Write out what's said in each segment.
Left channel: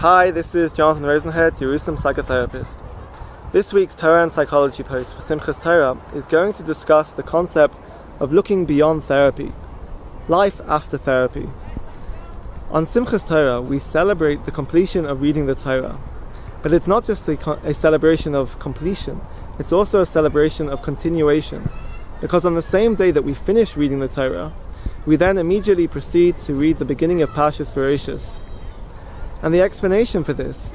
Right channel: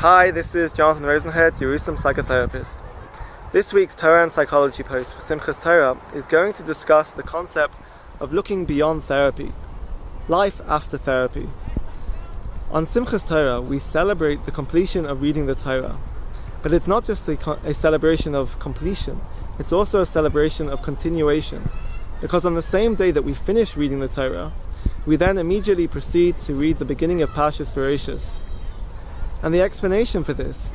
Hi, this is Jonathan Rosenhead, your psychotherapist. This week's Torah and Psychology post for Simchat Torah is going to discuss the concept of looking beyond therapy, life after therapy. On Simchat Torah, we celebrate the completion of reading the Torah, but it's not just a celebration of completion, it's also a celebration of continuation, because on the same day that we finish reading the Torah, we then immediately proceed to read the beginning of Parshas Bereshis. And the explanation for this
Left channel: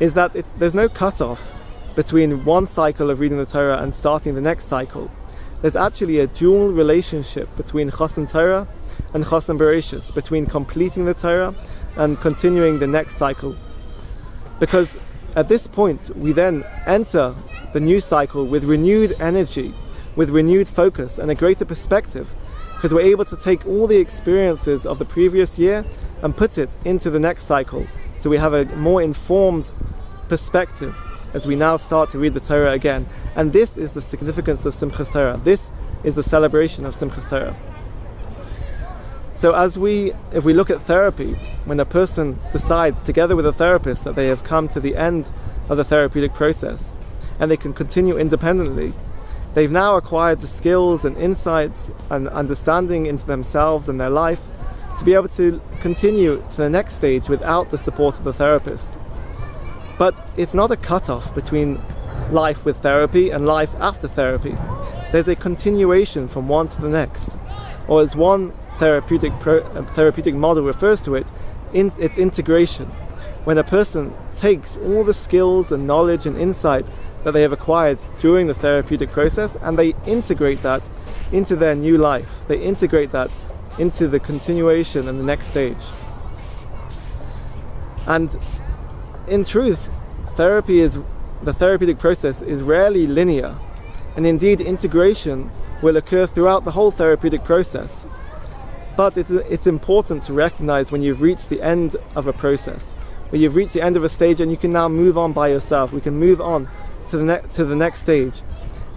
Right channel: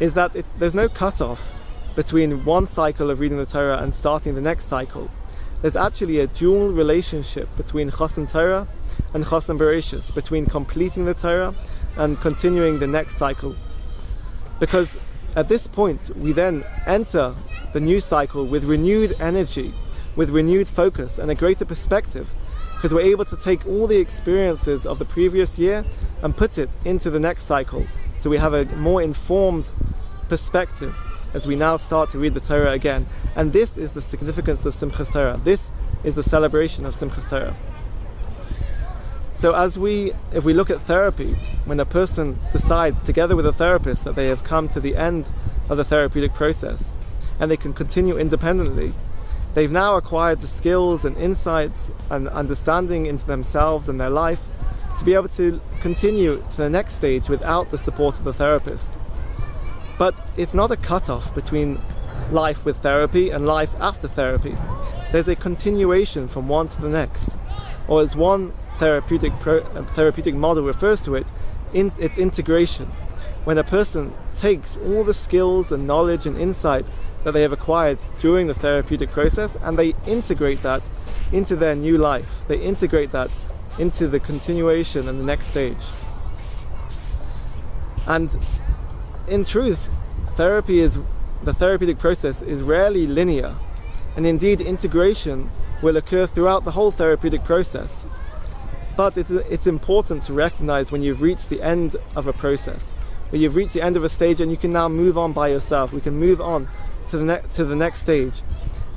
is that there's no cutoff between one cycle of reading the Torah and starting the next cycle. There's actually a dual relationship between Chosan Torah and Chosan Bereshis, between completing the Torah and continuing the next cycle. Because at this point, we then enter the new cycle with renewed energy, with renewed focus and a greater perspective, because we're able to take all the experiences of the previous year and put it into the next cycle. So we have a more informed perspective as we now start to read the Torah again. And this is the significance of Simchat Torah. This is the celebration of Simchat Torah. So if we look at therapy, when a person decides together with a therapist that they have come to the end of the therapeutic process and they can continue independently, they've now acquired the skills and insights and understanding into themselves and their life to be able to continue to the next stage without the support of the therapist. But it's not a cutoff between life with therapy and life after therapy. There's a continuation from one to the next. Or as one therapeutic model refers to it, it's integration. When a person takes all the skills and knowledge and insight that they have acquired during the therapeutic process and they integrate that into their new life. They integrate that into the continuation and the next stage. And in truth, the therapeutic process is rarely linear, and indeed integration will occur throughout the whole therapeutic process. But it's important to recognize when you've reached the end of a process, when you've reached the end of a stage and you can now move on by yourself. We can move on to the next stage,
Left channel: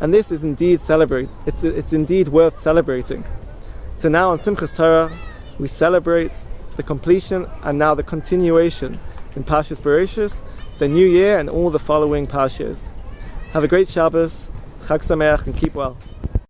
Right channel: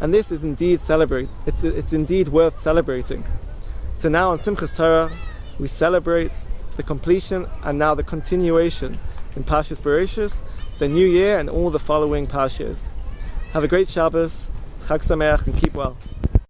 and this is indeed it's indeed worth celebrating. So now on Simchat Torah we celebrate the completion and now the continuation in Parshas Bereshis, the new year and all the following Parshas. Have a great Shabbos, Chag Sameach, and keep well.